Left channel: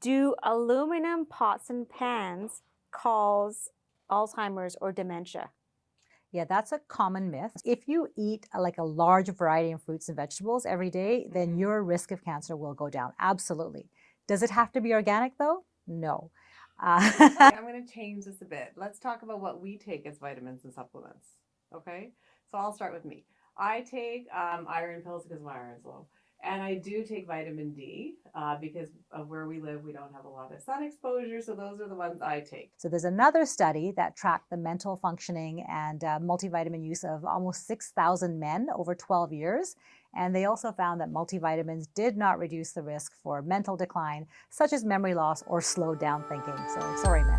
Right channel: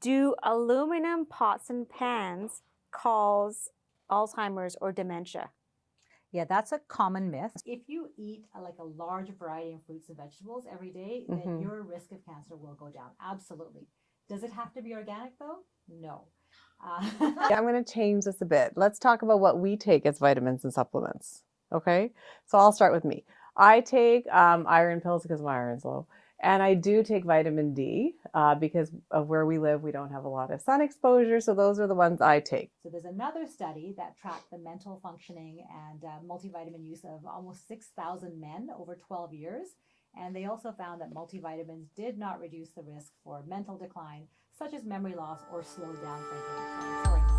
Do aluminum pots and pans cause Alzheimer's or dementia? Yeah, that's a common myth. If you eat like a large variety of fruits and vegetables every day, then your risk of cancer will go down. Absolutely. Does it have to be organic though? No. I'm going to change this a bit. Let's talk about what we take as vitamins and supplements. Okay. So I'll start with me. I take iron pills because my iron's low. And I do take vitamin D because of where we live. We don't have a lot of sun exposure. So those are the ones I take. So there's another study that tracked the mental functioning and multivitamin use of almost 6,000 men over 12 years. And they also found that multivitamins did not reduce the risk for mental decline, such as memory loss or slowed down thinking. So sorry, men.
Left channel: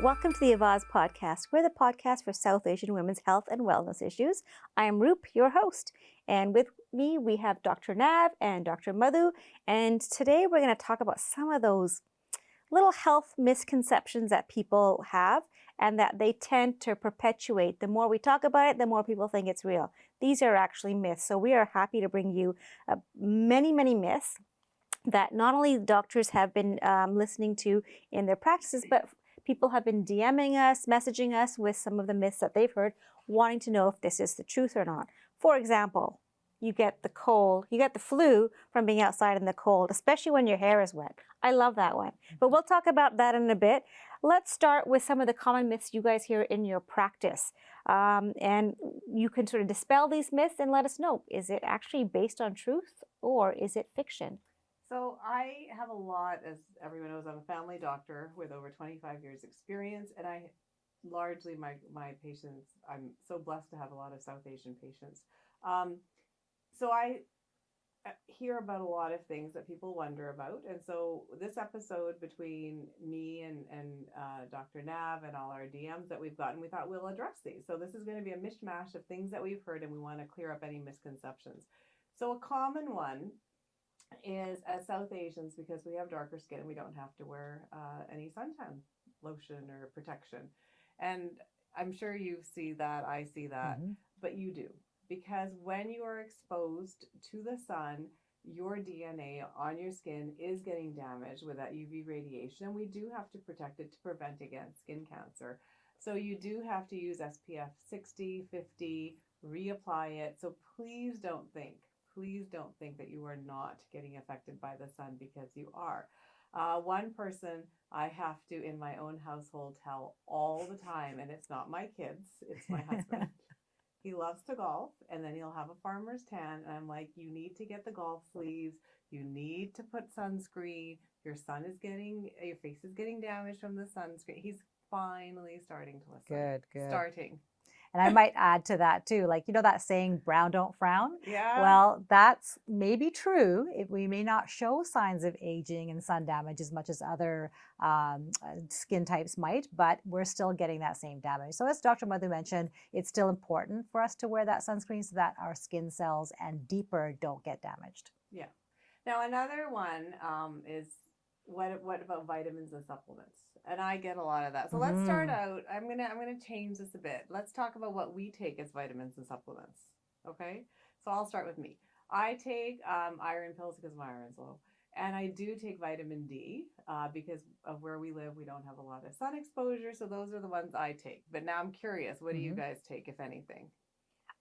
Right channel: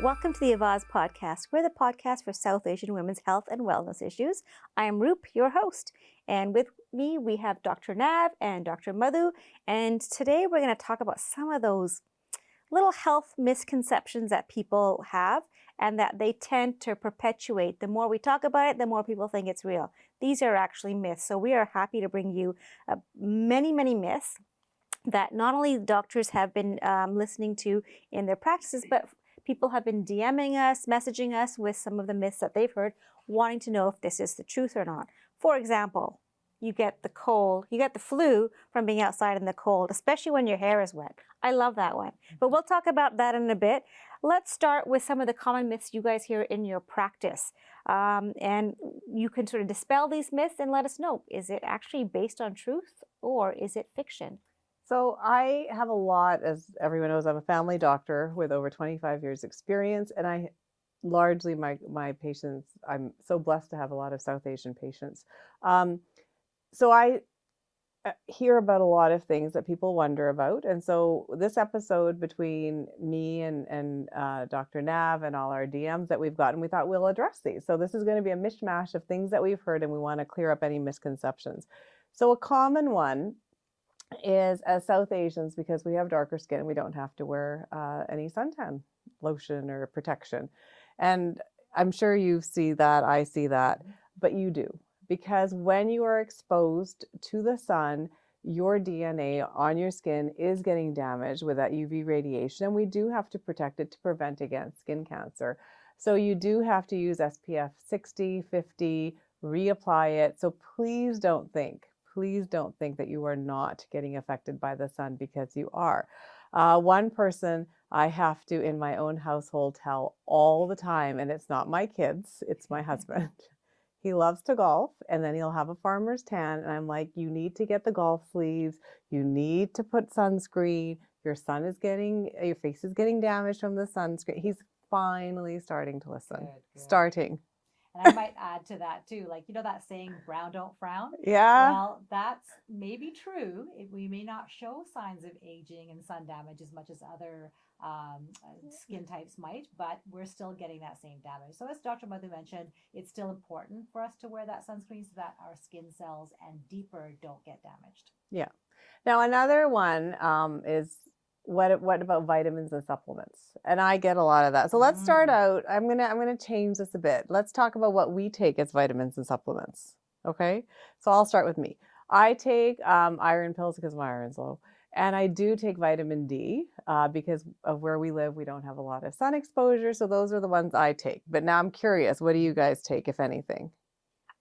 Welcome to the Avaaz Podcast. We're the podcast for South Asian women's health and wellness issues. I am Roop, your host. And with me, we have Dr. Nav and Dr. Madhu. And today we're going to talk about some of those little health misconceptions that people have and that they tend to perpetuate. The more we talk about it, the more people think it's real. These are actually myths. So we are happy to bring you many, many myths that not only doctors have been listening to in their practices, but people have been DMing us, messaging us with some of the myths that they've heard, wanting to know if this is the truth or not. For example, you get the cold, you get the flu from being outside in the cold, especially when your hair is wet. I love that one. But we'll talk about that in a bit. Let's start with some of the common myths you guys hear in your practice. And you can sort of dispel these myths and let us know, is it actually based on truth or is it fiction? So I have a lot, as everyone knows, I'm a family doctor with over 25 years experience. And I largely, my patients, I'm so blessed to have a lot of South Asian patients. So I hear about a lot of things that people wonder about. And so this episode between me and Dr. Nav and all our DMs that we've gotten, we thought we'll address these. So this is going to be a mishmash of things that we've heard and we want to clear up any misconceptions. So a common one is, as South Asians, because we have darker skin, we don't have to wear any suntan lotion or protection. And I'm sure you see that, I see that, but you do. Because when you are exposed to the sun, your DNA on your skin is getting damaged with that UV radiation, and we do have to protect it to prevent against skin cancer. So you do have to use SPF 60, 50, reapply it. So please don't think that you are not getting affected by the sun, because you are. One person I have to, in my own household, tell all the time, and it's not my kids, it's my husband. He loves to golf, and then he'll have a farmer's tan. And I'm like, you need to get the golf sleeves. You need to put sunscreen. Your face is getting damaged from the sunscreen. He's finally starting to listen. Good. Starting. And I might add to that too, like, you know, that saying, brown don't frown. Yeah. Well, that's maybe true. We may not show signs of aging and sun damage as much as other skin types might, but we're still getting that same damage. So as Dr. Madhu mentioned, it's still important for us to wear that sunscreen so that our skin cells and deeper don't get damaged. Yeah. Now, another one is, what about vitamins and supplements? And I get a lot of that. So let's start out. I'm gonna change this a bit. Let's talk about what we take as vitamins and supplements. Okay. So I'll start with me. I take iron pills because my iron's low. And I do take vitamin D because of where we live. We don't have a lot of sun exposure. So those are the ones I take. But now I'm curious, what do you guys take, if anything?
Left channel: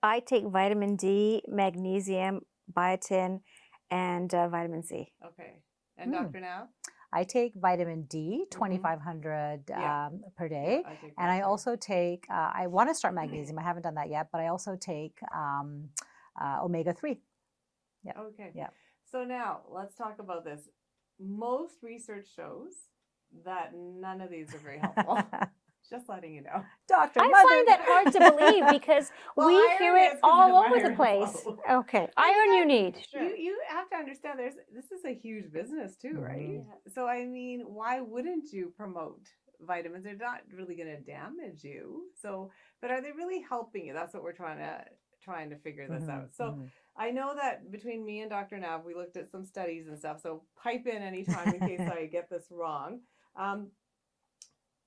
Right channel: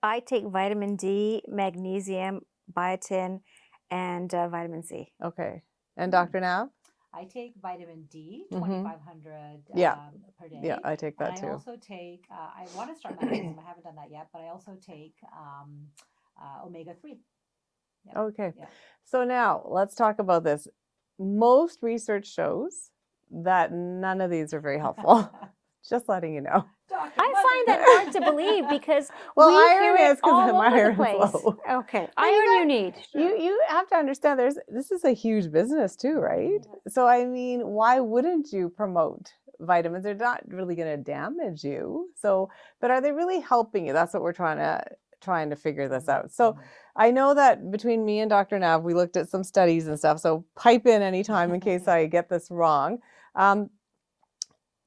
I take vitamin D, magnesium, biotin, and vitamin C. Okay. And Dr. Nav? I take vitamin D, 2,500 per day. Yeah, I take that and too. I also take, I want to start magnesium. I haven't done that yet, but I also take omega-3. Yep. Okay. Yep. So now let's talk about this. Most research shows that none of these are very helpful. Just letting you know. Doctor, I find that hard to believe because we hear it all over the place. Okay, iron you need. You have to understand this is a huge business too, right? So I mean, why wouldn't you promote vitamins? They're not really going to damage you. So, but are they really helping you? That's what we're trying to figure this out. So I know that between me and Dr. Nav, we looked at some studies and stuff. So pipe in anytime in case I get this wrong.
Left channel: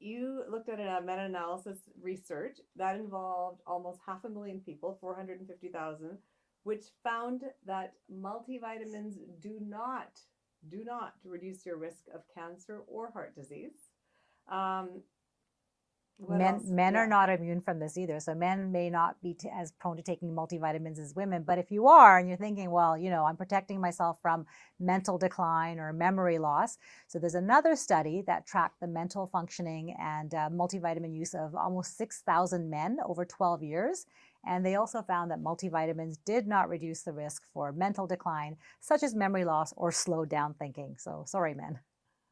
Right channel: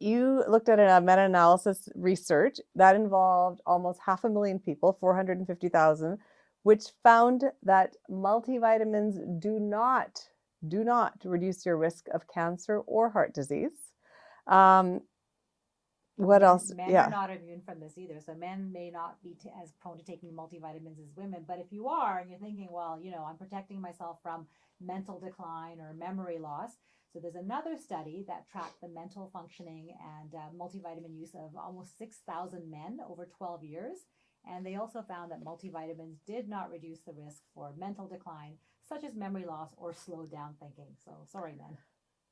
You looked at a meta-analysis research that involved almost 500,000 people, 450,000, which found that multivitamins do not do not reduce your risk of cancer or heart disease. What else? Men are not immune from this either. So men may not be as prone to taking multivitamins as women. But if you are, and you're thinking, well, I'm protecting myself from mental decline or memory loss. So there's another study that tracked the mental functioning and multivitamin use of almost 6,000 men over 12 years. And they also found that multivitamins did not reduce the risk for mental decline, such as memory loss or slowed down thinking. So sorry, men.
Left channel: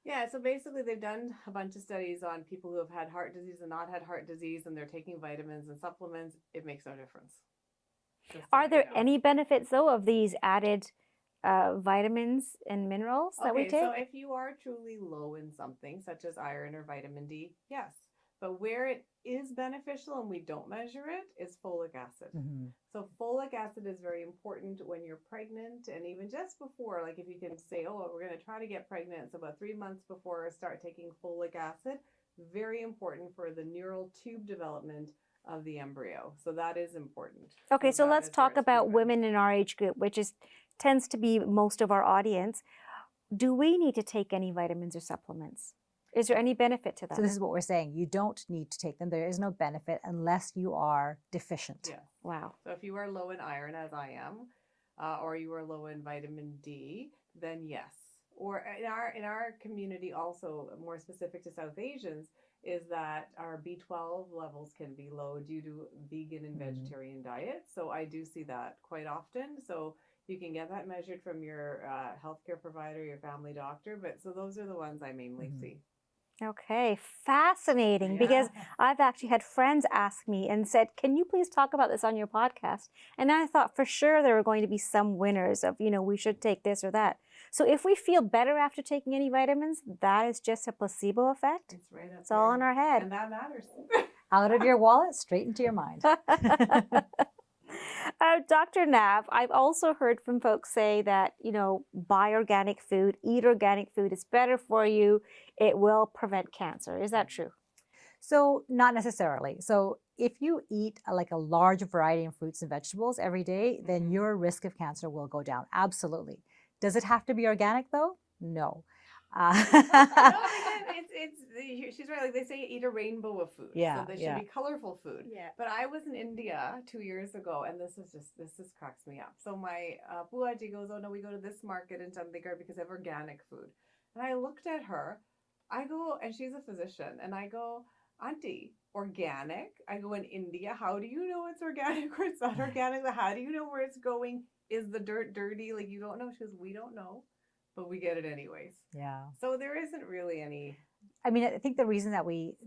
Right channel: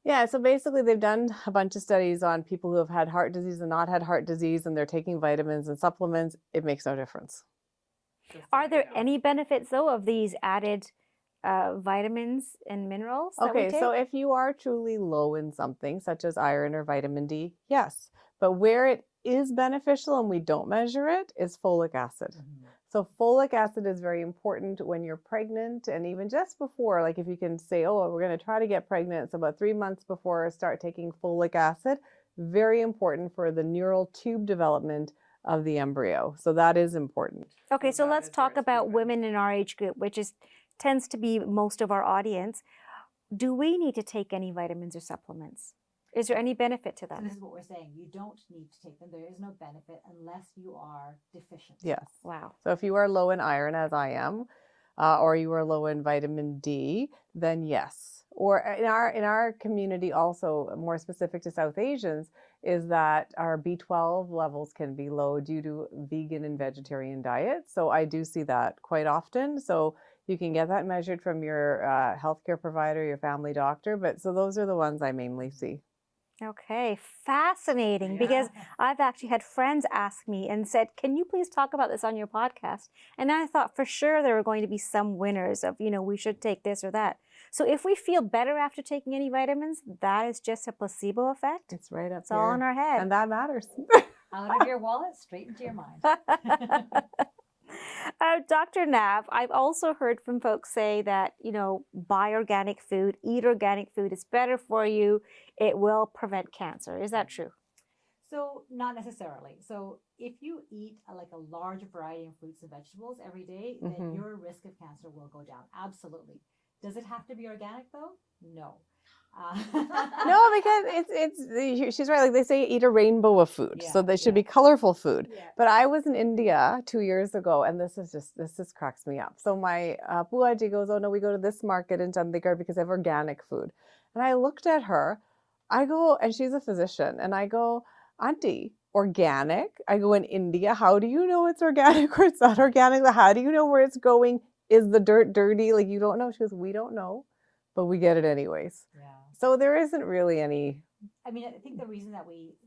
Yeah, so basically they've done a bunch of studies on people who have had heart disease and not had heart disease, and they're taking vitamins and supplements. It makes no difference. Are there any benefits, though, of these added vitamins and minerals that we take? So if you are truly low in something, such as iron or vitamin D, yes. But where it is beneficial and we don't measure it is folic acid. Mm-hmm. So folic acid is very important when you're pregnant, and even just before, like if you can say, oh, we're going to try to get pregnant, so about 3 months before, start taking folic acid. Very important for the neural tube development of the embryo. So that is important. Okay, so let's talk about women in our age group, which tends to be most of our audience. Do we need to take any vitamins or supplements? Is there any benefit to that? So this is what we're saying. You don't need to take them. There is no benefit unless you are deficient. Yes. Wow. So if you are low in iron, as I am, or you are low in vitamin D, then yes. Or in our community also, more specific to South Asians, is that our B12 levels can be low due to vegan and vegetarian diets. So I do see that quite often. So you can get that measured from your healthcare provider, your family doctor. But so those are the ones I mainly see. Okay, fascinating, because I've actually had friends ask me and said, can you please talk about this on your podcast? And I thought for sure there were going to be some winners of, we should take this or that. So if we feel better after taking any vitamins, that is just a placebo effect? It's right up It's all in our head. And that matters. Out of your wallet, straight into your mind. Dr. Nav, I've also heard from folks say that, buy organic food, eat organic food. It's better for you. It will prevent cancer. Is that true? So not necessarily. So if you eat a large variety of fruits and vegetables every day, then your risk of cancer will go down. Absolutely. Does it have to be organic though? No. No, because she's right. Like they say, eat a rainbow of food. So they should be colorful food. Yeah. But I was in India 2 years ago, and this just cracks me up. So my Buaji goes, oh no, we go to this market in Chandigarh because they have organic food. And I looked at her, I go, and she's a physician, and I go, Auntie, organic? I go, in India, how do you know it's organic or it's not organic? How do you know where it's going? Is the dirt dirty? Like, you don't know? She goes, we don't know. But we get it anyways. Yeah. So there isn't really any. I mean, I think the reason that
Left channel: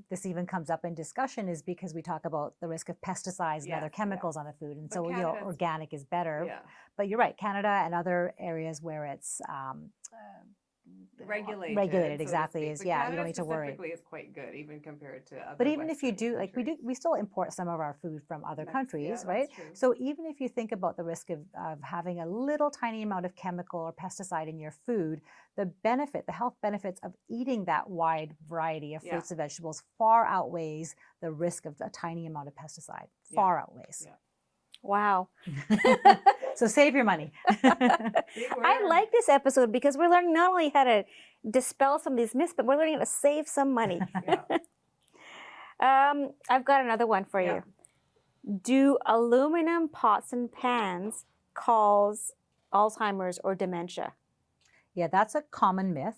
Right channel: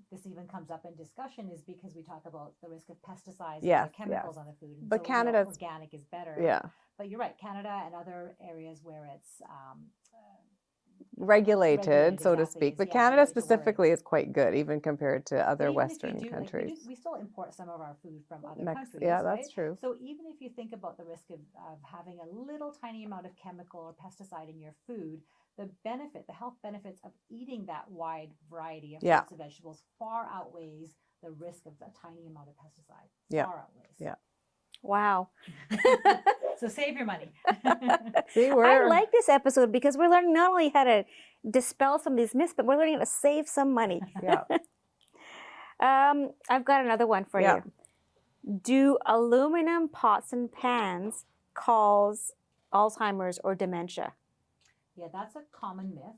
this even comes up in discussion is because we talk about the risk of pesticides and other chemicals on the food. And but so organic is better. Yeah. But you're right, Canada and other areas where it's regulated, so to speak. But Canada specifically is quite good, even compared to other Western countries. But even if you do, we still import some of our food from other countries, right? That's true. So even if you think about the risk of having a little tiny amount of chemical or pesticide in your food, the health benefits of eating that wide variety of fruits and vegetables far outweighs the risk of a tiny amount of pesticide. Far outweighs. Yeah. Wow. So save your money. I like this episode because we're learning not only how to dispel some of these myths, but we're learning how to save some money. I've got another one for you. Do aluminum pots and pans cause Alzheimer's or dementia? Yeah, that's a common myth.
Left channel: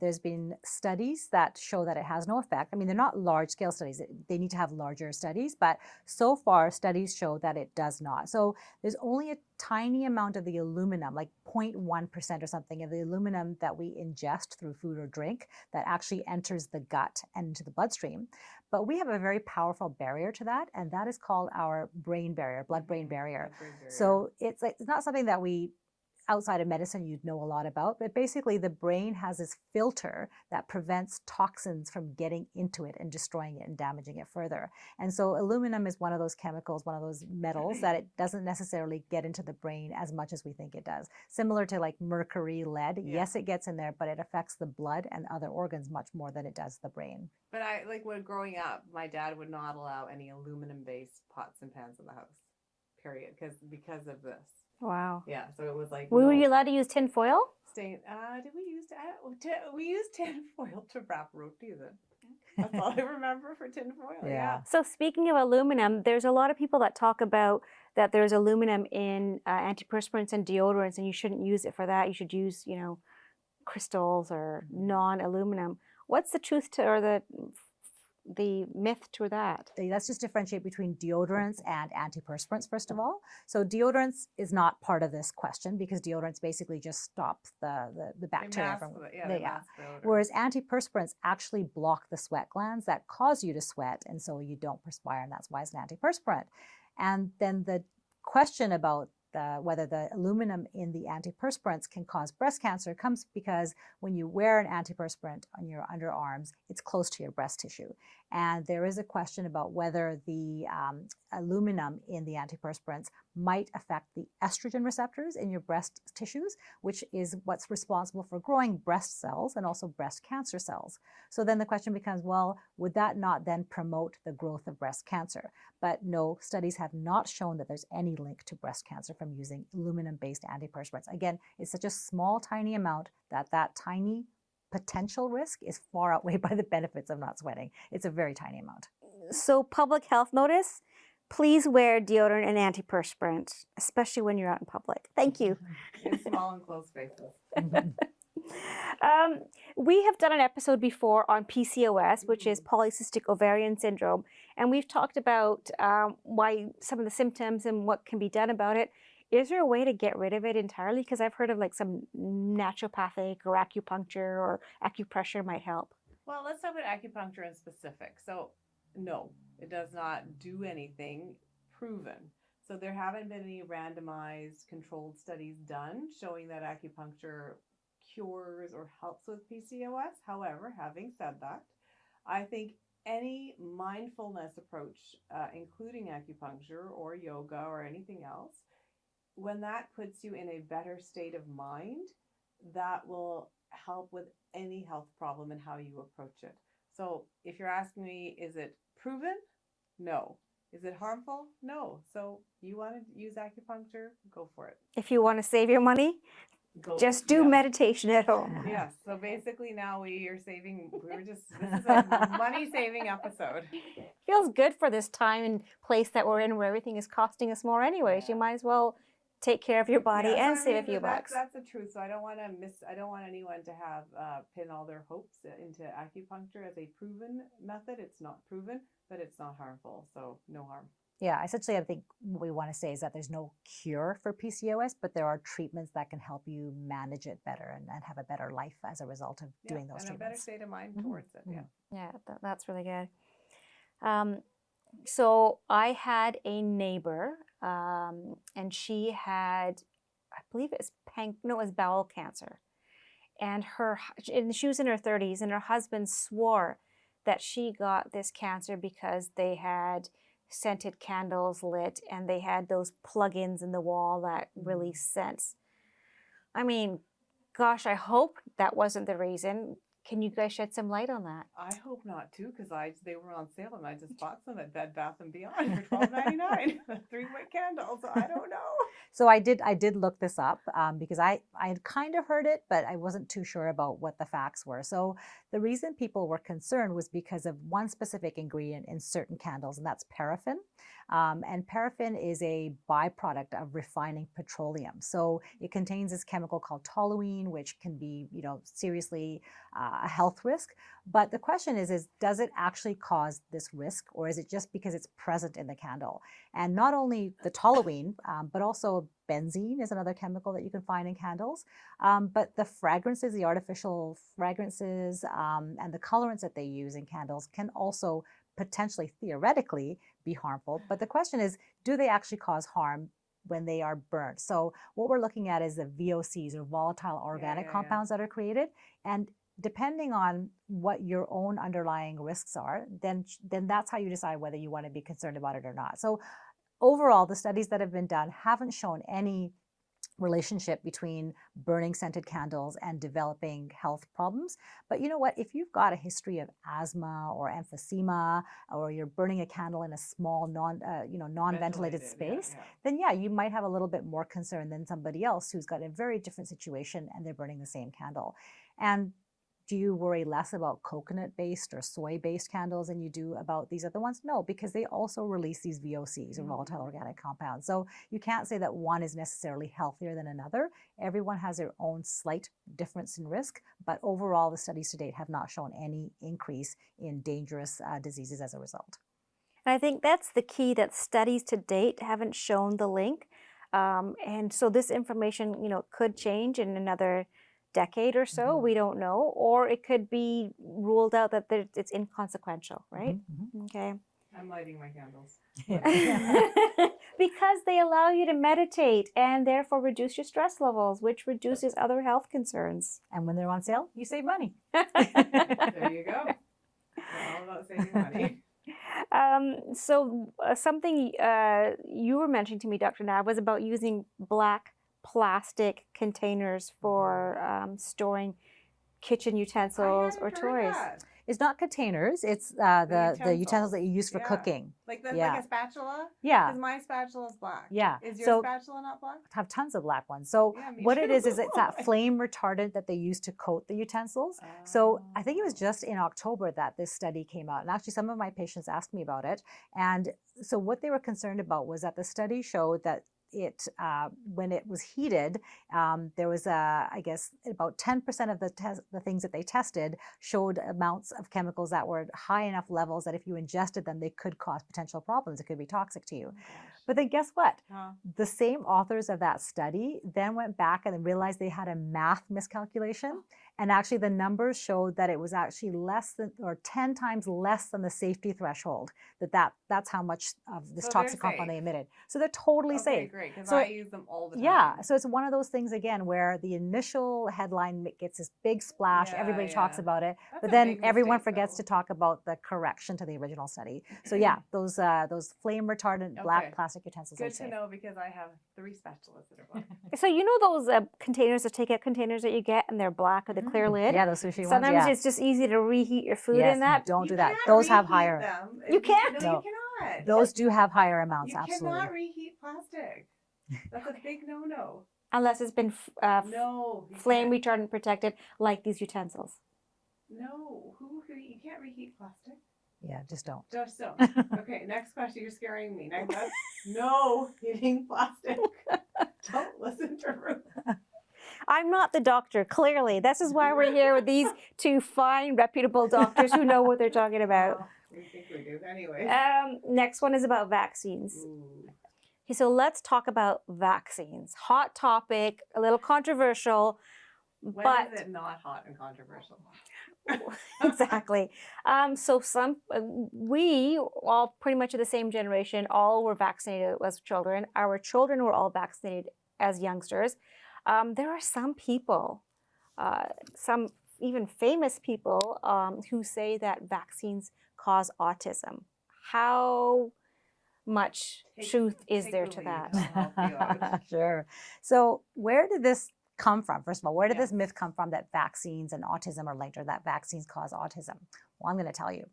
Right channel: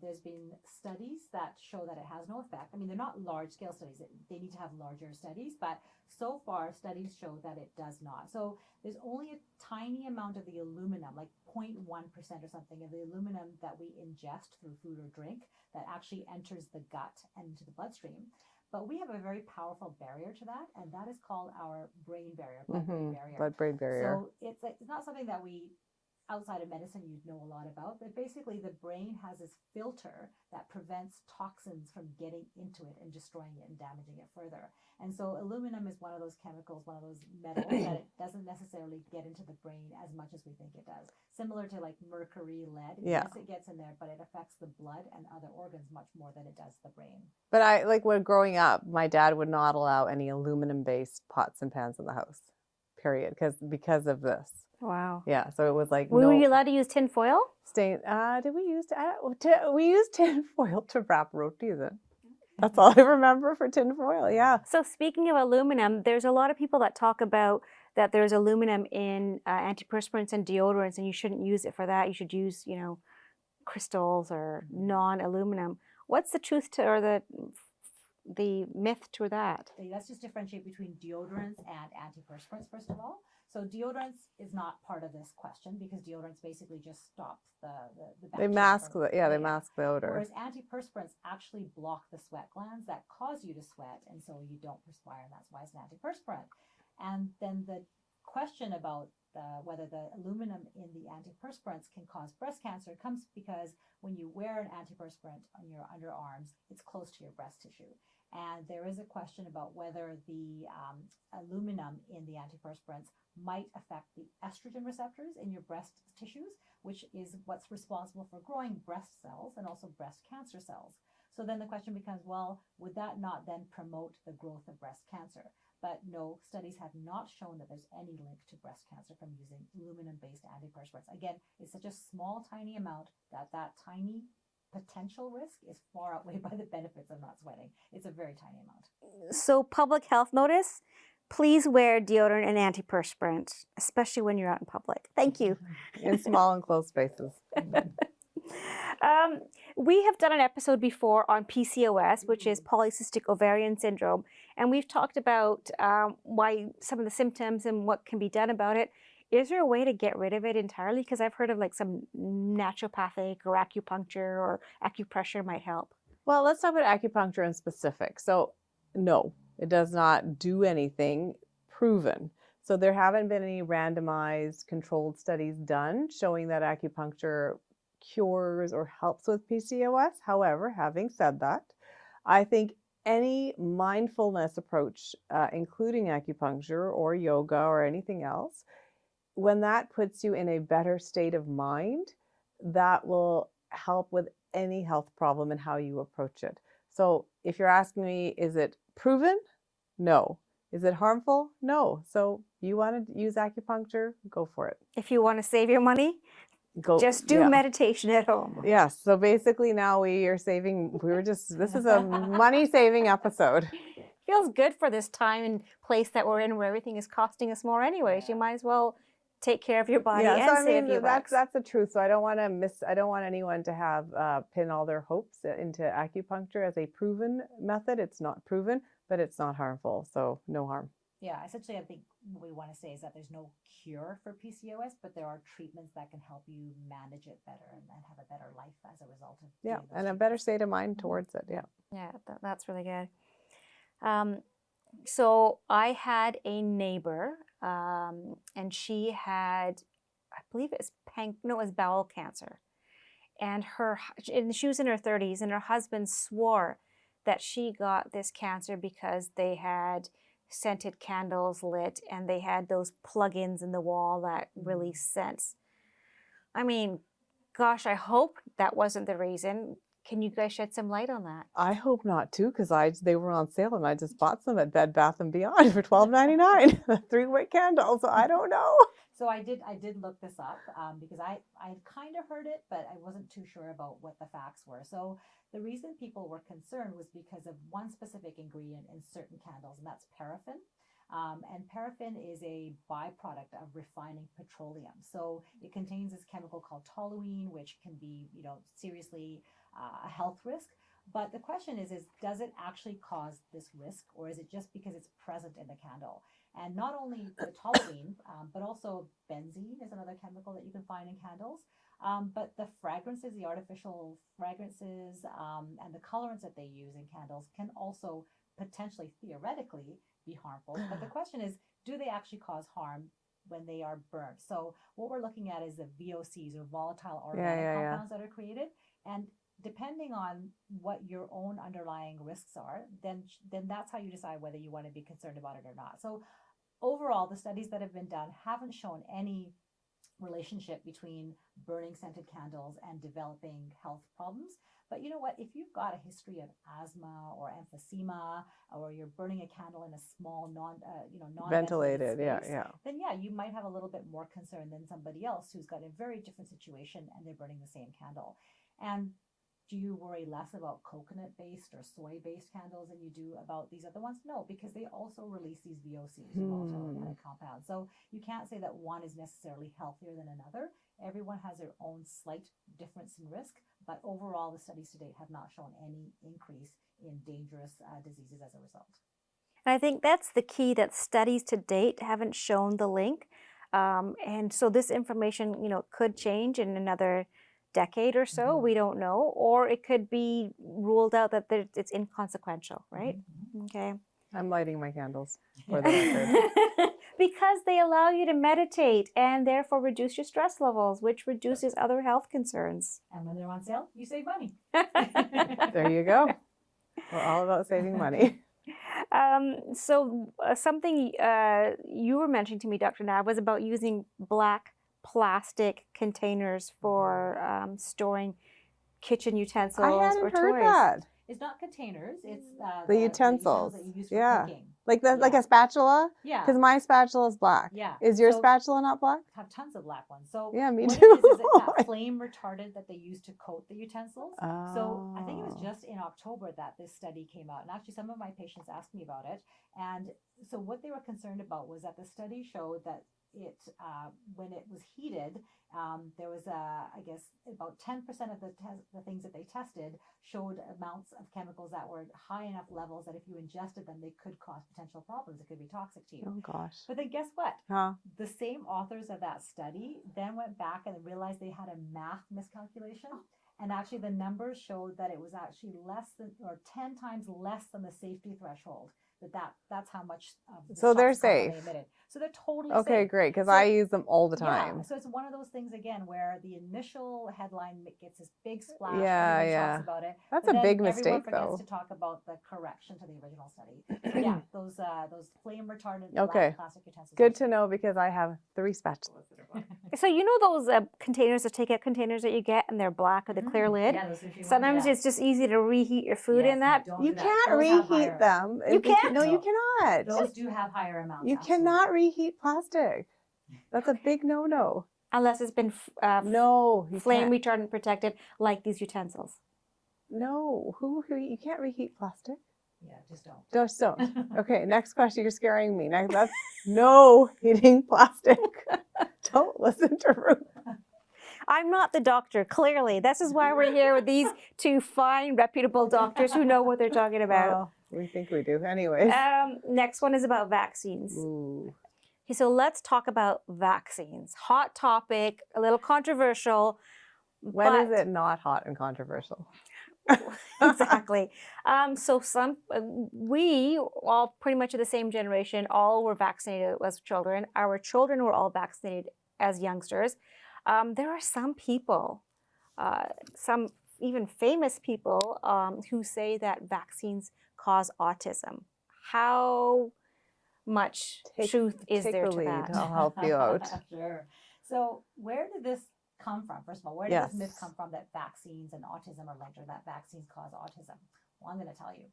There's been studies that show that it has no effect. I mean, they're not large-scale studies. They need to have larger studies, but so far studies show that it does not. So there's only a tiny amount of the aluminum, like 0.1% or something of the aluminum that we ingest through food or drink that actually enters the gut and into the bloodstream. But we have a very powerful barrier to that, and that is called our brain barrier, blood-brain barrier. Blood-brain barrier. So it's not something that we outside of medicine you'd know a lot about, but basically the brain has this filter that prevents toxins from getting into it and destroying it and damaging it further. And so aluminum is one of those chemicals, one of those metals that it doesn't necessarily get into the brain as much as we think it does. Similar to like mercury, lead. Yes, it gets in there, but it affects the blood and other organs much more than it does the brain. But when growing up, my dad would not allow any aluminum-based pots and pans in the house, period, because of this. Wow. Yeah, so it was like Were no you allowed to use tin foil? stain. Did we use we used tin foil to wrap rotis in? That's all I remember for tin foil. Yeah. So speaking of aluminum, there's a lot of people that talk about that there's aluminum in antiperspirants and deodorants, and you shouldn't use it for that. You should use, crystals or non-aluminum. What's the truth to, or the myth to that? Let's just differentiate between deodorants and antiperspirants, first of all. So deodorants is not part of this question because deodorants basically just stop the bacteria. They mask they mask the odor. Whereas antiperspirants actually block the sweat glands that cause you to sweat, and so you don't perspire, and that's why it's an antiperspirant. And then the question about whether the aluminum in the antiperspirants can cause breast cancer comes because when you wear an antiperspirant on your underarms, it's close to your breast tissue. And there is a question about whether the aluminum in the antiperspirants might affect the estrogen receptors in your breast tissues, which is what's responsible for growing breast cells and also breast cancer cells. So then the question becomes, well, would that not then promote the growth of breast cancer? But no, studies have not shown that there's any link to breast cancer from using aluminum-based antiperspirants. Again, it's such a small, tiny amount that tiny potential risk is far outweighed by the benefits of not sweating. It's a very tiny amount. So public health notice, please wear deodorant and antiperspirant, especially when you're out in public. Thank you. In small and closed spaces. We have done an episode before on PCOS, which is polycystic ovarian syndrome, and we've talked about why some of the symptoms and what can be done about it. Is there a way to get rid of it entirely? Because I've heard of like some naturopathic or acupuncture or acupressure might help. Well, let's talk about acupuncture in specific. So no, it does not do anything proven. So there haven't been any randomized controlled studies done showing that acupuncture cures or helps with PCOS. However, having said that, I think any mindfulness approach, including acupuncture or yoga or anything else, when that puts you in a better state of mind, that will help with any health problem and how you approach it. So if you're asking me, is it proven? No. Is it harmful? No. So you want to use acupuncture? Go for it. If you want to save your money, just do meditation at home. Yes. So basically now this is a money saving episode. Feels good for this time and place that we're in where everything is costing us more anyways. You might as well take care of your body and save a few bucks. That's the truth. So I don't want anyone to have pin all their hopes into acupuncture as a proven method. It's not proven, but it's not harmful. So no harm. Yeah, essentially, I think what we want to say is that there's no cure for PCOS, but there are treatments that can help you manage it better and have a better life as a result of doing those treatments. And a better state of mind towards it. Yeah. Yeah, that's really good. So I had a neighbor, and she had, I believe it was bowel cancer, and she was in her 30s, and her husband swore that she got this cancer because they had scented candles lit and they had those plug-ins in the wall that release scents. I mean, gosh, I hope that wasn't the reason. Can you guys shed some light on that? I hope not too, because they were on sale and I just bought some at Bed Bath & Beyond for $12.99. 3-wick candles. So I don't know. So I did look this up because I had kind of heard it, but I wasn't too sure about what the facts were. So the reason people were concerned was because of one specific ingredient in certain candles, and that's paraffin. And paraffin is a byproduct of refining petroleum. So it contains this chemical called toluene, which can be, seriously a health risk. But the question is does it actually cause this risk, or is it just because it's present in the candle? And not only the toluene, but also benzene is another chemical that you can find in candles. But the fragrances, the artificial fragrances, and the colorants that they use in candles can also potentially, theoretically, be harmful. But the question is, do they actually cause harm when they are burnt? So what we're looking at is the VOCs, or volatile organic compounds that are created. And depending on what your own underlying risks are, then that's how you decide whether you want to be concerned about it or not. So overall, the studies that have been done haven't shown any relationship between burning scented candles and developing health problems. But you know what? If you've got a history of asthma or emphysema, or you're burning a candle in a small non-ventilated space, then yeah, you might have a little bit more concern than somebody else who's got a very different situation and they're burning the same candle. And do you worry less about coconut-based or soy-based candles than you do about these other ones? No, because they also release these VOCs, or volatile organic compounds. So you can't say that one is necessarily healthier than another. Everyone has their own slight difference in risk, but overall, the studies to date have not shown any increase in dangerous diseases as a result. And I think that's the key, that studies to date haven't shown the link. And so this information, could change in another decade or so, we don't know, or it could be ruled out that it's inconsequential, right? Okay. I'm lighting my candles. Because they allow you to meditate and therefore reduce your stress levels, which reduces other health concerns. And when they're on sale, you save money. There you go. We're all about saving money. So something you were mentioning to me, Dr. Nav, was about using black plastic containers for storing kitchen utensils or toys. That. It's not containers. It's the utensils that you use for cooking. Like a spatula? Yeah. Because my spatula is black. Yeah. Is your spatula not black? I have tons of black ones. So yeah, me what too. it is it's that flame retardant that they use to coat the utensils. Oh. So I think it was just in October that this study came out. And actually some of my patients asked me about it. And so what they were concerned about was that the study showed that when it was heated, there was I guess about 10% of the things that they tested showed amounts of chemicals that were high enough levels that if you ingested them, they could cause potential problems. It could be toxic to you. Oh gosh. But then guess what? The same authors of that study then went back and realized they had a math miscalculation. And actually the numbers showed that it was actually less than, or 10 times less than the safety threshold, that's how much of this toxic compound they emitted. So they're totally safe. Okay, great, because I use them all the time. Yeah, so it's one of those things, again, where the initial headline gets this big splash, everybody talks about it, that's but then big mistake, everyone forgets to talk about the correction to the original study. So yeah, those flame retardant black plastic utensils. Good to know, because I have 3 spatulas that are black. So those containers, the takeout containers that you get, and they're black with a clear lid? Yeah, those sushi Sometimes ones, it's just easy to reheat your food in that. Don't do that. Those have higher. Them. You can't? No, you cannot. Those do have higher amounts. You cannot reheat plastic. That's a big no-no. Unless it's been flame can't. retardant protected, like these utensils. No, you can't reheat plastic. Yeah, just don't. Just don't. Okay, next question. You're scaring me. Next, that's no heating plastic. Don't listen to Ruth. I'm not the doctor, clearly. This is why we're here with these 2 fine, reputable doctors who know what they're talking about. Well, we think we do. Anyways. Next one is about vaccines. Ooh. Okay, so let's talk about vaccines. Hot topic, a little controversial. When is it not hot and controversial? Exactly. So we all pretty much of the same generation, all were vaccinated as children. Our children were all vaccinated as youngsters. There are some people, some even famous people, who say that vaccines cause autism. How much truth is there to that? I'll help you out. Sure. So where did this come from? First of all, where did this myth come from that vaccines and autism are linked, or that vaccines cause autism? Well, I'm going to tell you.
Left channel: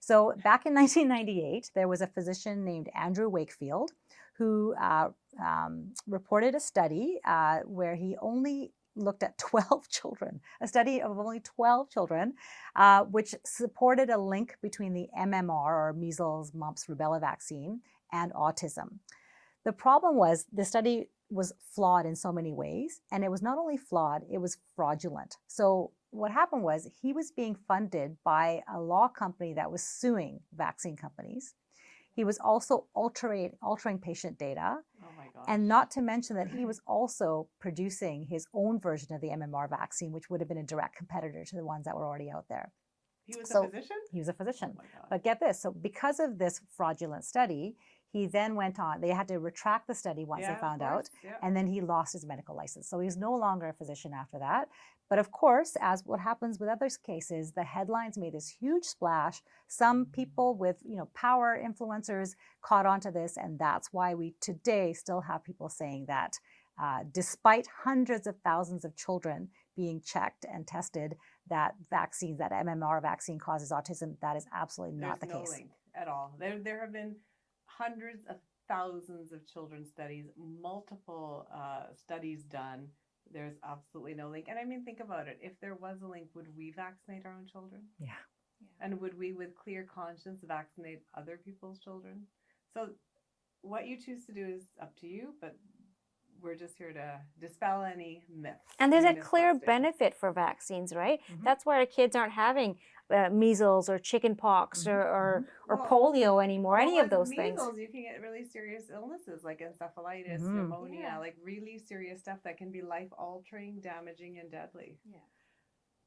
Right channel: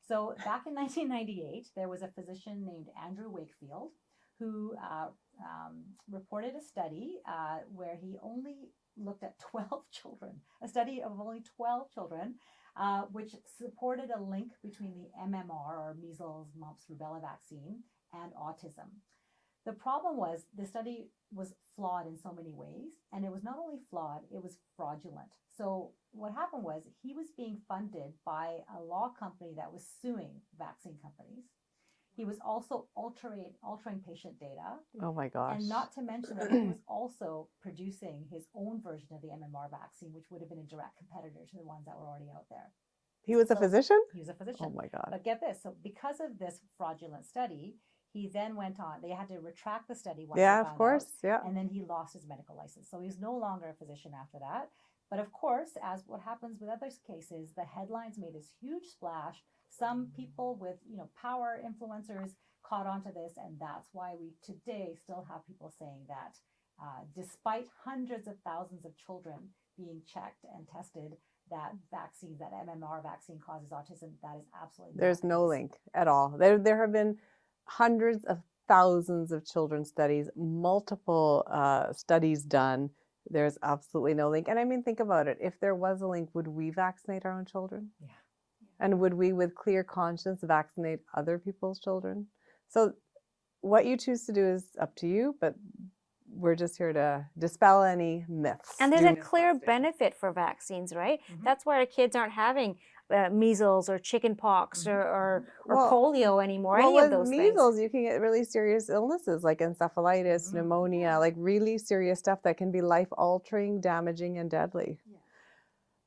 So back in 1998, there was a physician named Andrew Wakefield who reported a study where he only looked at 12 children, a study of only 12 children, which supported a link between the MMR, or measles, mumps, rubella vaccine, and autism. The problem was the study was flawed in so many ways, and it was not only flawed, it was fraudulent. So what happened was he was being funded by a law company that was suing vaccine companies. He was also altering patient data. Oh my gosh. And not to mention that he was also producing his own version of the MMR vaccine, which would have been a direct competitor to the ones that were already out there. He was a physician? He was a physician. Oh my God. But get this. So because of this fraudulent study, he then went on. They had to retract the study once they found out. Yeah. And then he lost his medical license. So he's no longer a physician after that. But of course, as what happens with other cases, the headlines made this huge splash. Some people with, power, influencers caught onto this. And that's why we today still have people saying that despite hundreds of thousands of children being checked and tested, that vaccines, that MMR vaccine causes autism. That is absolutely not There's the no case. link at all. There have been hundreds of thousands of children studies, multiple studies done. There's absolutely no link. And I mean, think about it. If there was a link, would we vaccinate our own children? Yeah. And would we, with clear conscience, vaccinate other people's children? So what you choose to do is up to you, but we're just here to dispel any myths. And there's a do clear Mythbusting. benefit for vaccines, right? Mhm. That's why our kids aren't having measles or chicken pox or Well, polio anymore, any of with those measles, things. you can get really serious illnesses like encephalitis, Mhm. pneumonia, like really serious stuff that can be life-altering, damaging, and deadly. Yeah.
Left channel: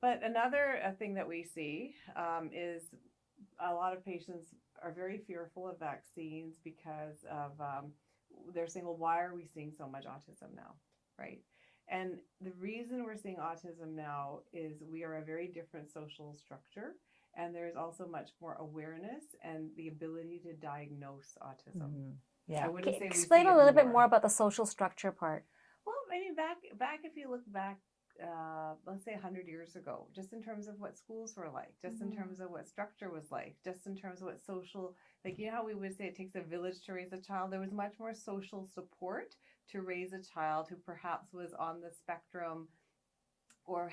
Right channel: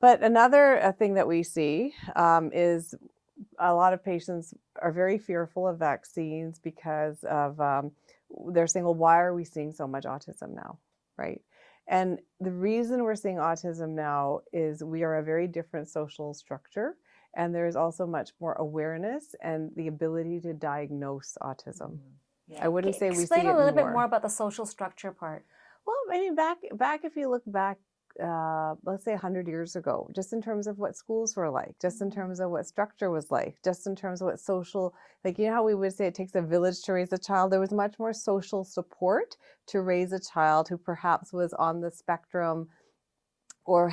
But another thing that we see is a lot of patients are very fearful of vaccines because of they're saying, well, why are we seeing so much autism now, right? And the reason we're seeing autism now is we are a very different social structure, and there's also much more awareness and the ability to diagnose autism. Mhm. Yeah. I wouldn't say we see Explain a it little bit more about the social structure part. Well, I mean, back if you look back, let's say 100 years ago, just in terms of what schools were like, just in terms of what structure was like, just in terms of what social, like, you know how we would say it takes a village to raise a child? There was much more social support to raise a child who perhaps was on the spectrum or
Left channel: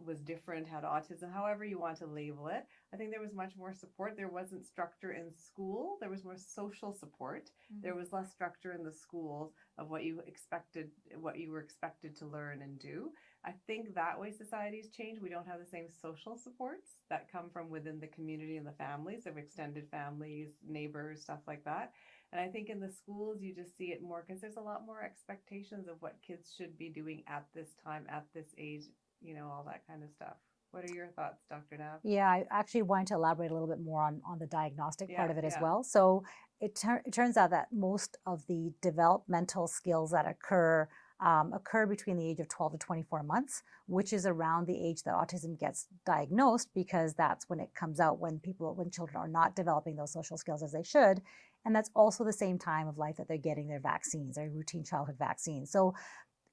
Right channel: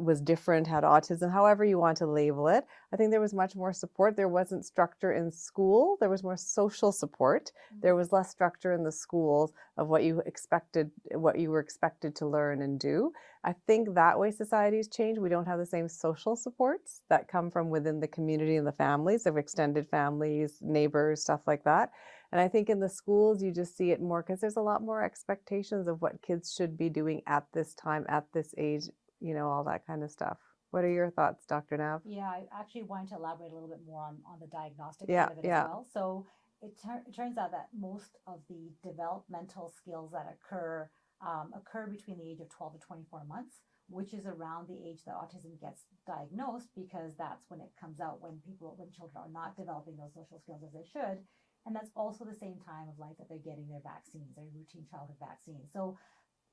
was different, had autism, however you want to label it. I think there was much more support. There wasn't structure in school. There was more social support. There was less structure in the schools of what you were expected to learn and do. I think that way society's changed. We don't have the same social supports that come from within the community and the families of extended families, neighbors, stuff like that. And I think in the schools, you just see it more because there's a lot more expectations of what kids should be doing at this time, at this age, you know, all that kind of stuff. What are your thoughts, Dr. Nav? Yeah, I actually wanted to elaborate a little bit more on the diagnostic Yeah, part of it as yeah. well. So it turns out that most of the developmental skills that occur between the age of 12 to 24 months, which is around the age that autism gets diagnosed, because that's when it comes out, when children are not developing those social skills as they should. And that's also the same time of life that they're getting their vaccines, their routine childhood vaccines. So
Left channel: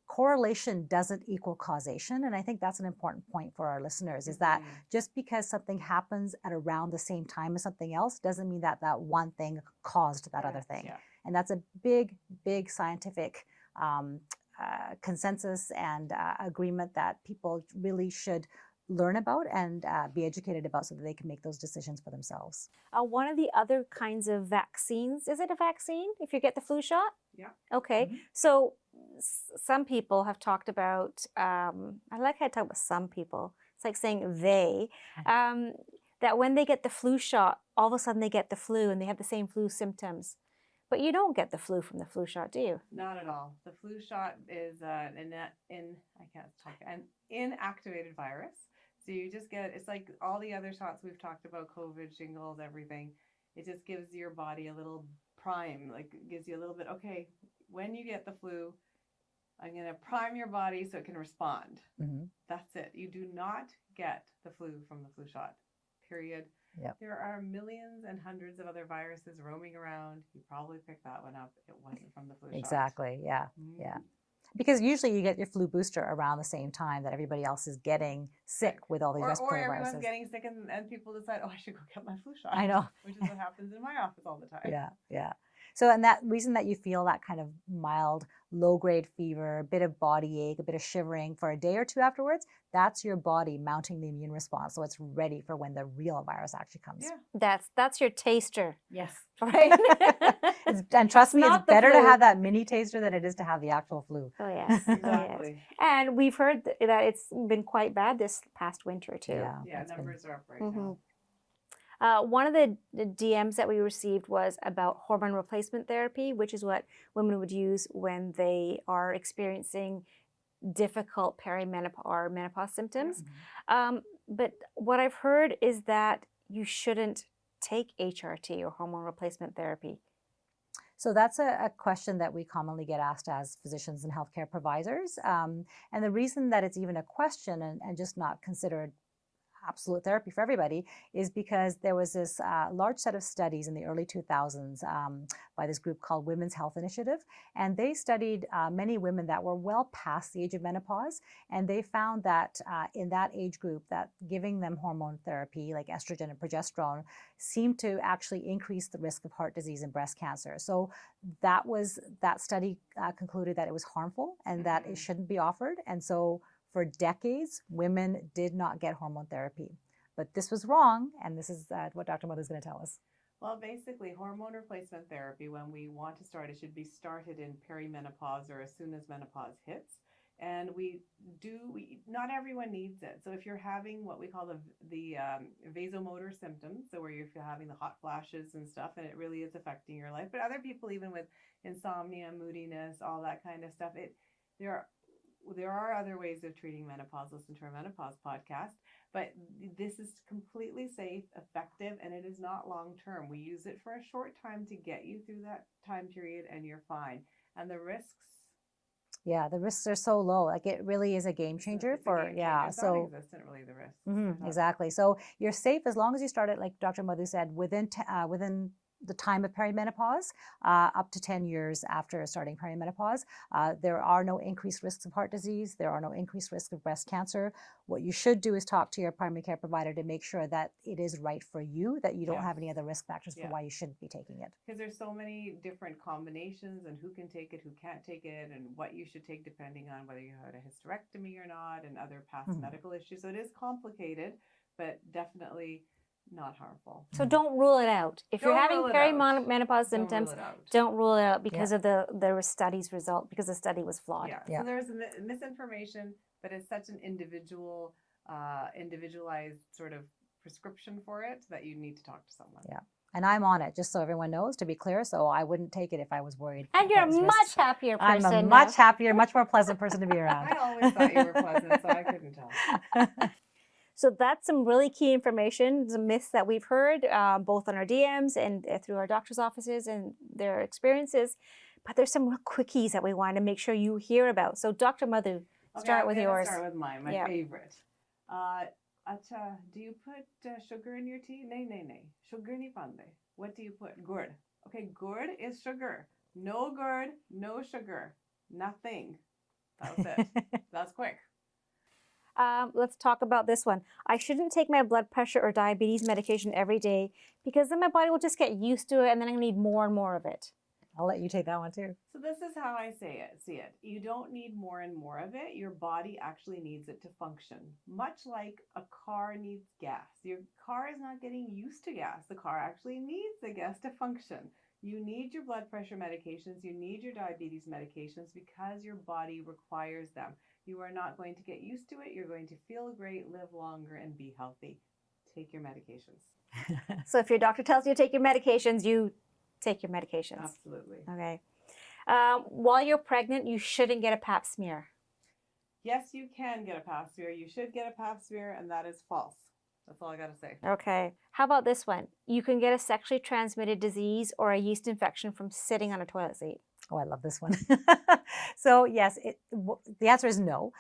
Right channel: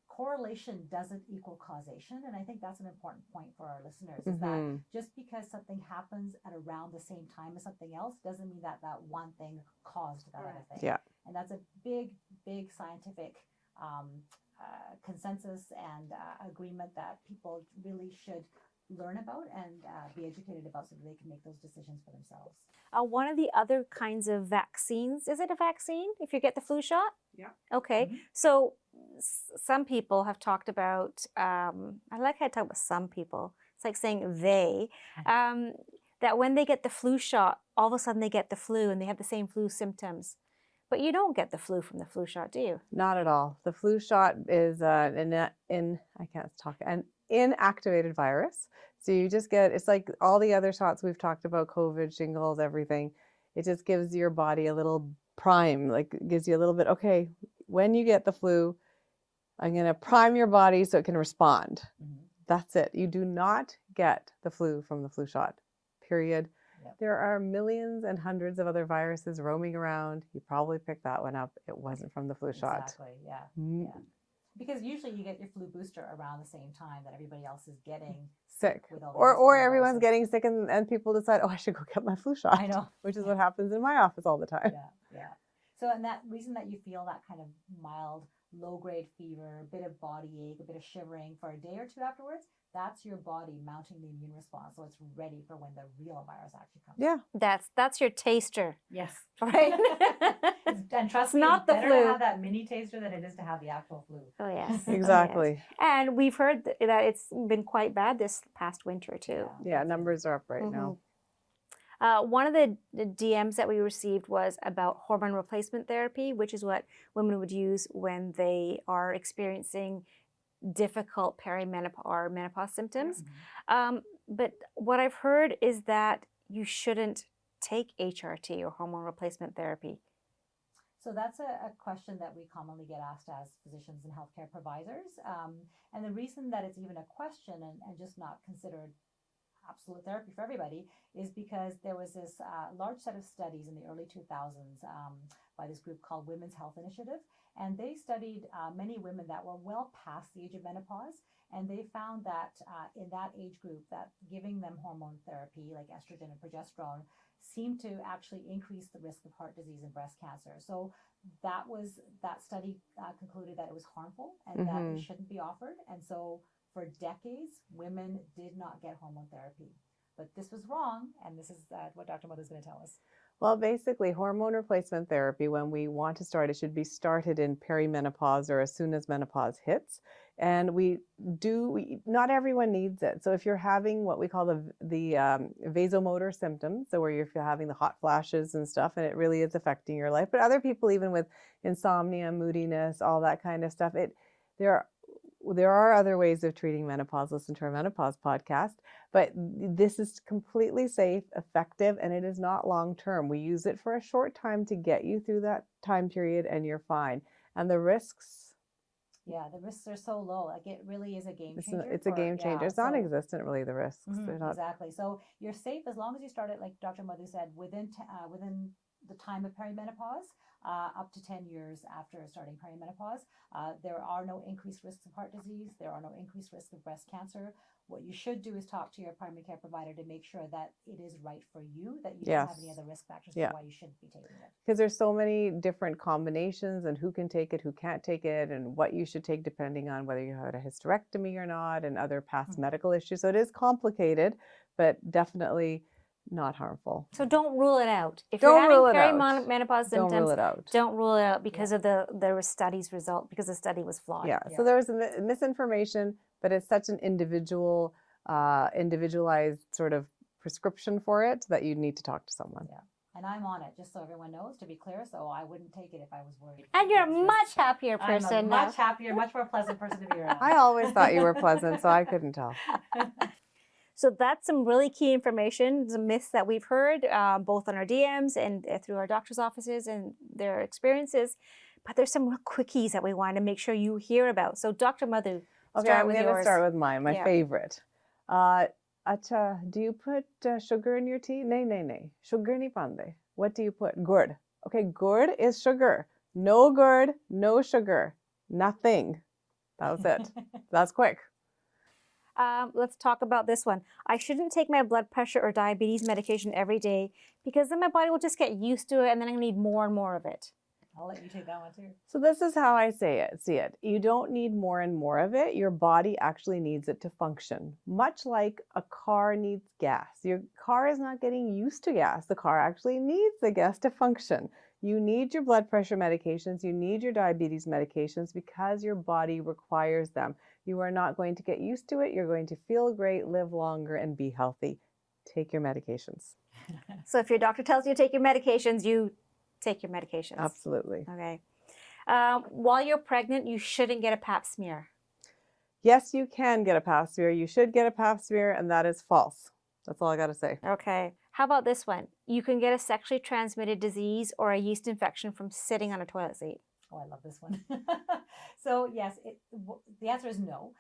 correlation doesn't equal causation. And I think that's an important point for our listeners, is that just because something happens at around the same time as something else doesn't mean that that one thing caused that other thing. Yeah. And that's a big, big scientific consensus and agreement that people really should learn about and be educated about, so that they can make those decisions for themselves. One of the other kinds of vaccines, is it a vaccine if you get the flu shot? Yeah. Okay. So some people have talked about, I like how I talk about some people. It's like saying they, that when they get the flu shot, all of a sudden they get the flu and they have the same flu symptoms. But you don't get the flu from the flu shot, do you? Not at all. The flu shot is an inactivated virus. So you just get, it's like all the other shots we've talked about, COVID, shingles, everything. It just gives your body a little prime, like gives you a little bit, okay, when you get the flu, I'm going to prime your body so it can respond. That's it. You do not get the flu from the flu shot, period. Yep. There are millions and hundreds of other viruses roaming around. You probably picked that one up. It wasn't from the flu shot. Exactly. Yeah. Yeah. Because usually you get your flu booster around the same time that everybody else is getting sick with all the or everyone's getting sick and people decide, oh, I should go get my flu shot. I know. Which is what happens in my office all the time. Yeah. Yeah. So, and that reason that you feel that kind of mild, low-grade fever, a bit of body ache, a bit of shivering for a day or two afterwards, that's your body mounting the immune response. So it's ready for when the real virus actually comes. Yeah. That's your taster. Yes. Right? And trust me, not it's the better flu. to have that mini taster than it is to have the actual flu. Oh, yes. Exactly. Yes. And we've heard that it's been quite bad this past winter, too. Yeah, numbers are up right now. One of the DMs that we received was about hormone replacement therapy, which is what women would use when they are experiencing difficult perimenopause or menopause symptoms. But what I've heard is that you shouldn't take HRT or hormone replacement therapy. So that's a question that we commonly get asked as physicians and healthcare providers. And the reason that it's even a question and just not considered absolute therapy for everybody, is because there was this large set of studies in the early 2000s by this group called Women's Health Initiative. And they studied many women that were well past the age of menopause. And they found that in that age group, that giving them hormone therapy like estrogen and progesterone seemed to actually increase the risk of heart disease and breast cancer. So that study concluded that it was harmful and that it shouldn't be offered. And so for decades, women did not get hormone therapy. But this was wrong, and this is what Dr. Madhu is going to tell us. Well, basically, hormone replacement therapy, when we want to start, it should be started in perimenopause or as soon as menopause hits. And not everyone needs it. So if you're having what we call the vasomotor symptoms, so where you're having the hot flashes and stuff, and it really is affecting your life, but other people, even with insomnia, moodiness, all that kind of stuff, there are other ways of treating menopause. Listen to our Menopause podcast, but this is completely safe, effective, and it is not long-term. We use it for a short time to get you through that time period and you're fine. And the risks? Yeah, the risks are so low. Like it really is a game changer. It's a game changer. It's non-existent, really, the risks. Exactly. So you're safe as long as you start it, like Dr. Madhu said, within the time of perimenopause, up to 10 years after starting perimenopause. There are no increased risks of heart disease. There are no increased risks of breast cancer. What you should do is talk to your primary care provider to make sure that it is right for you, that you don't have any other risk factors for why you shouldn't be taking it. Because there's so many different combinations and who can take it, who can't take it, and what you should take depending on whether you had a hysterectomy or not and other past medical issues. So it is complicated, but definitely not harmful. So don't rule it out. If you're having perimenopause symptoms, don't rule it out because of the study's result, because the study was flawed. Yeah. So there was misinformation, but it's such an individualized sort of prescription for it that you need to talk to someone. Yeah. And I'm on it, just so everyone knows, to be clear. So I wouldn't take it if I was worried. And you're a much happier person. I'm a much happier, much more pleasant person to be around. I always thought you were pleasant, so I couldn't tell. So that's some really key information, some myths that we've heard, both on our DMs and through our doctor's offices and their experiences. But there's some real quickies that we want to make sure you hear about. So Dr. Madhu, start with yours. Start with mine, my favorite. Acha, do you put sugar in your tea? Nay. Sugar ni pande. What do you put? Gourd. Okay, gourd is sugar. No gourd, no sugar. Nothing. That was it. That's quick. Let's talk about this one. I shouldn't take my blood pressure or diabetes medication every day because then my body will just get used to it and then I'm going to need more and more of it. I'll let you take that one too. So this is how I see it. You don't need more and more of it. Your body actually needs it to function. Much like a car needs gas. Your car is not getting used to gas. The car actually needs the gas to function. You need your blood pressure medications. You need your diabetes medications because your body requires them. You are not going to get used to it. You're going to feel great, live longer, and be healthy. Take your medications. So if your doctor tells you to take your medications, you take your medications. Absolutely. Okay. While you're pregnant, you shouldn't get a pap smear. Yes, you can get a pap smear. You should get a pap smear, and that is false. That's all I got to say. Okay. How about this one? You can get a sexually transmitted disease or a yeast infection from sitting on a toilet seat. Oh, I love this one. So yes, the answer is no.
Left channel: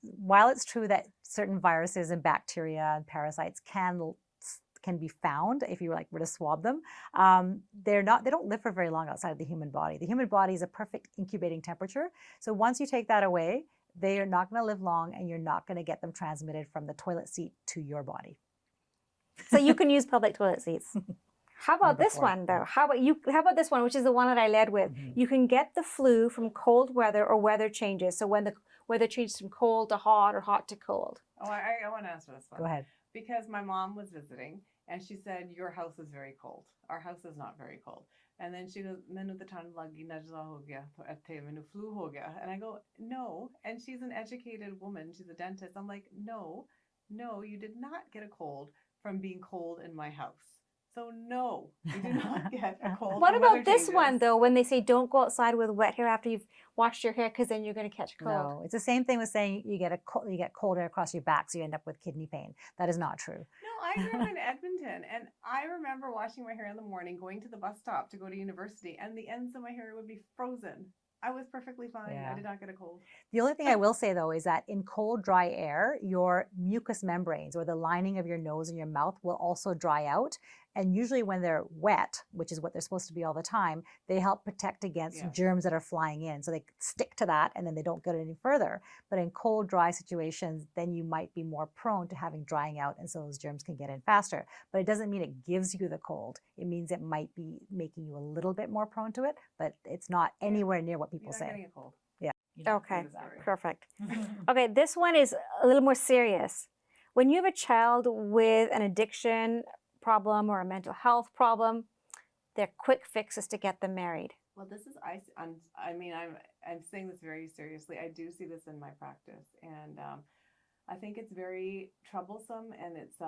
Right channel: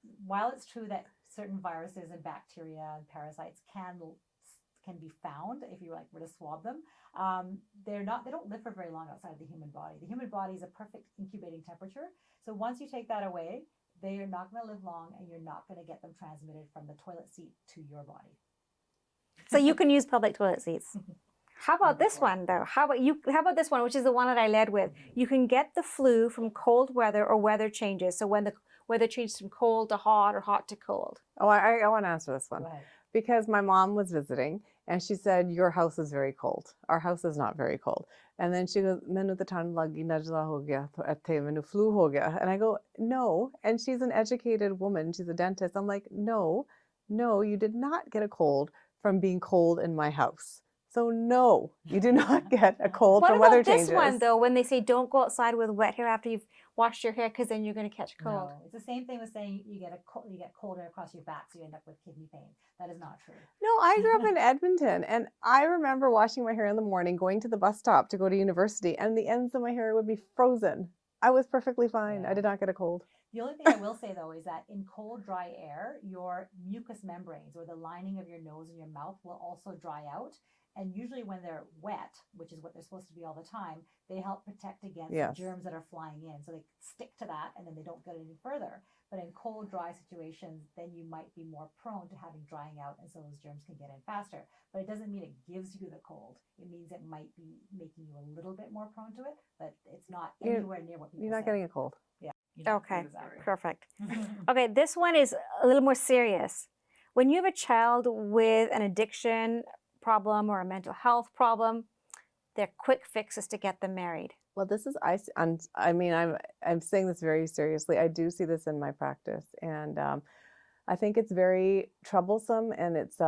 While it's true that certain viruses and bacteria and parasites can be found if you were to swab them, they don't live for very long outside of the human body. The human body is a perfect incubating temperature. So once you take that away, they are not going to live long and you're not going to get them transmitted from the toilet seat to your body. So you can use public toilet seats. How about this one though? How about this one, which is the one that I led with? You can get the flu from cold weather or weather changes. So when the weather changes from cold to hot or hot to cold. Oh, I want to answer this one. Go ahead. Because my mom was visiting and she said, your house is very cold. Our house is not very cold. And then she goes, "Mainu to thand lagi najla ho gaya, to atte mainu flu ho gaya." And I go, no. And she's an educated woman. She's a dentist. I'm like, no, you did not get a cold from being cold in my house. So no, you do not get a cold. What from weather about this changes. one though, when they say don't go outside with wet hair after you've washed your hair because then you're going to catch a cold? No, it's the same thing with saying you get cold air across your back, so you end up with kidney pain. That is not true. No, I grew up in Edmonton, and I remember washing my hair in the morning, going to the bus stop to go to university, and the ends of my hair would be frozen. I was perfectly fine. Yeah. I did not get a cold. The only thing I will say though is that in cold, dry air, your mucous membranes or the lining of your nose and your mouth will also dry out. And usually when they're wet, which is what they're supposed to be all the time, they help protect against Yes. germs that are flying in. So they stick to that and then they don't get any further. But in cold, dry situations, then you might be more prone to having drying out, and so those germs can get in faster. But it doesn't mean it gives you the cold. It means it might be making you a little bit more prone to it, but it's not anywhere near what people You're not say. getting a cold. Okay, Exactly. perfect. Okay, this one is a little more serious. When you have a child with an addiction problem or a mental health problem, their quick fix is to get them married. Well, this is I'm saying this very seriously. I do see this in my practice, and I think it's very troublesome, and it's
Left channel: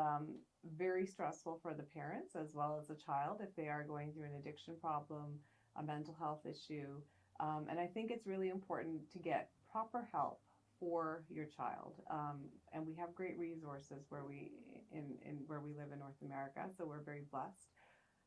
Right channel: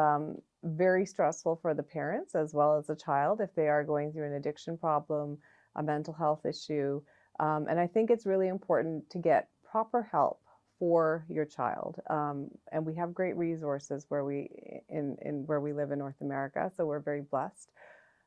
very stressful for the parents as well as the child if they are going through an addiction problem, a mental health issue. And I think it's really important to get proper help for your child. And we have great resources where we live in North America, so we're very blessed.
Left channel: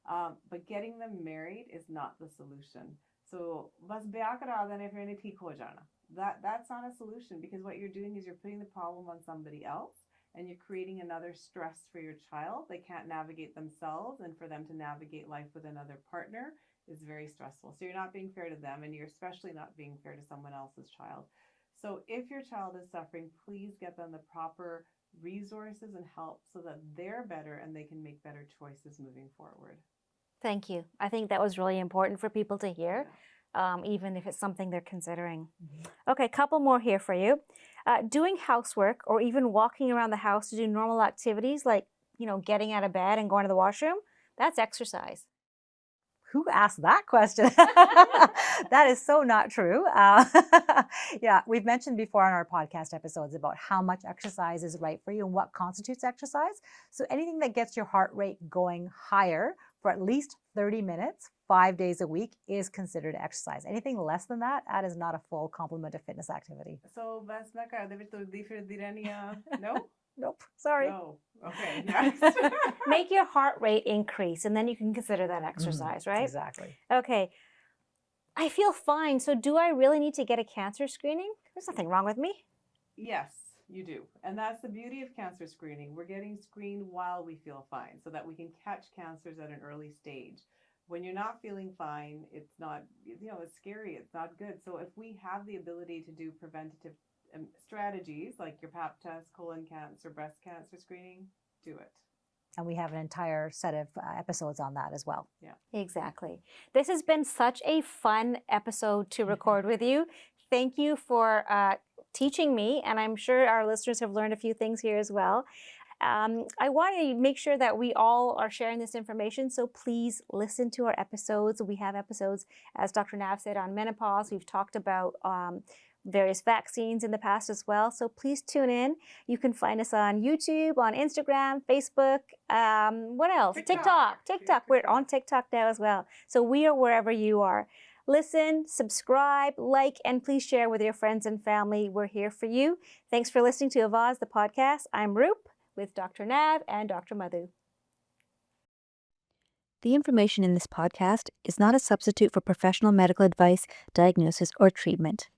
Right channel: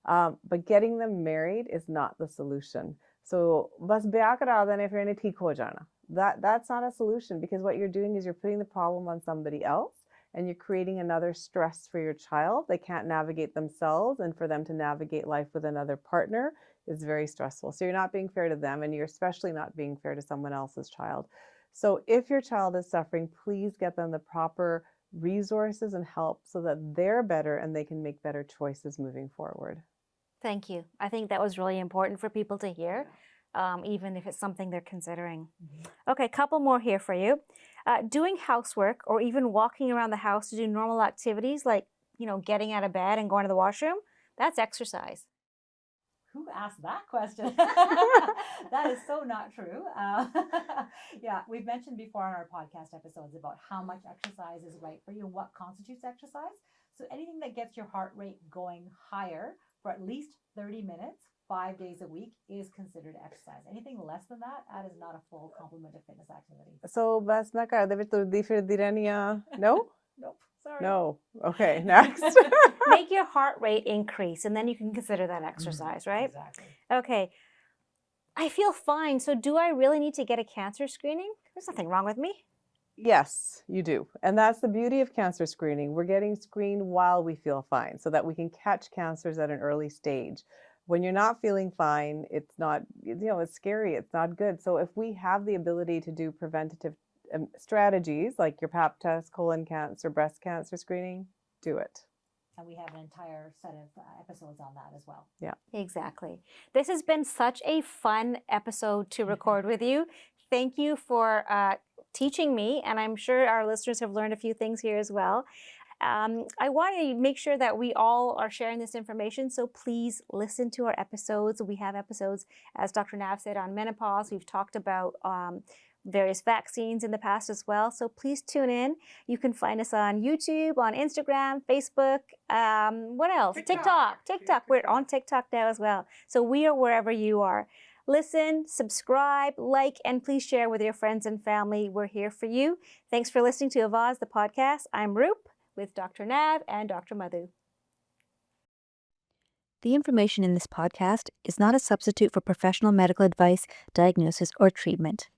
But getting them married is not the solution. So bas ब्याह करा देने फिर इन्हें ठीक हो जाना. That's not a solution, because what you're doing is you're putting the problem on somebody else, and you're creating another stress for your child. They can't navigate themselves, and for them to navigate life with another partner is very stressful. So you're not being fair to them, and you're especially not being fair to someone else's child. So if your child is suffering, please get them the proper resources and help so that they're better and they can make better choices moving forward. Thank you. I think that was really important for people to hear, even if it's something they're considering. Okay, a couple more here for you. Doing housework or even walking around the house to do normal activities like, getting out of bed and going to the washroom, that's exercise. Who asked that question? That is so not true. Yeah, we've mentioned before on our podcast episodes about how much exercise is right for you and what constitutes exercise. So anything that gets your heart rate going higher for at least 30 minutes, 5 days a week is considered exercise. Anything less than that, that is not a full complement of fitness activity. So bas na kar devi turdi firdi rehniya. No? Nope, sorry. No. Okay, next. Make your heart rate increase, and then you can consider that exercise, right? Exactly. Okay. I feel fine, so do I really need to get a cancer screening? There's nothing wrong with me. Yes, you do. And that's the beauty of cancer screening. We're getting screened while we feel fine so that we can catch cancers at an early stage. When you're not feeling fine, it's not, it's scary. It's not good. So if we have the ability to do preventative strategies like your pap test, colon cancer, breast cancer screening, do it. And we have an entire set of episodes on that as well. Yeah. Exactly. This has been such a fun episode to record with you. Thank you for teaching me, and I'm sure our listeners have learned a few things here as well. I want to make sure that we all are sharing this information, so please listen to our episodes. We have episodes, as Dr. Nav said, on menopause. We've talked about various vaccines in the past as well, so please tune in. You can find us on YouTube, on Instagram, Facebook, what else? TikTok. We're on TikTok now as well. So we are wherever you are. Listen, subscribe, like, and please share with your friends and family. We're here for you. Thanks for listening to Avaaz, the podcast. I'm Roop with Dr. Nav and Dr. Madhu. The information in this podcast is not a substitute for professional medical advice, diagnosis, or treatment.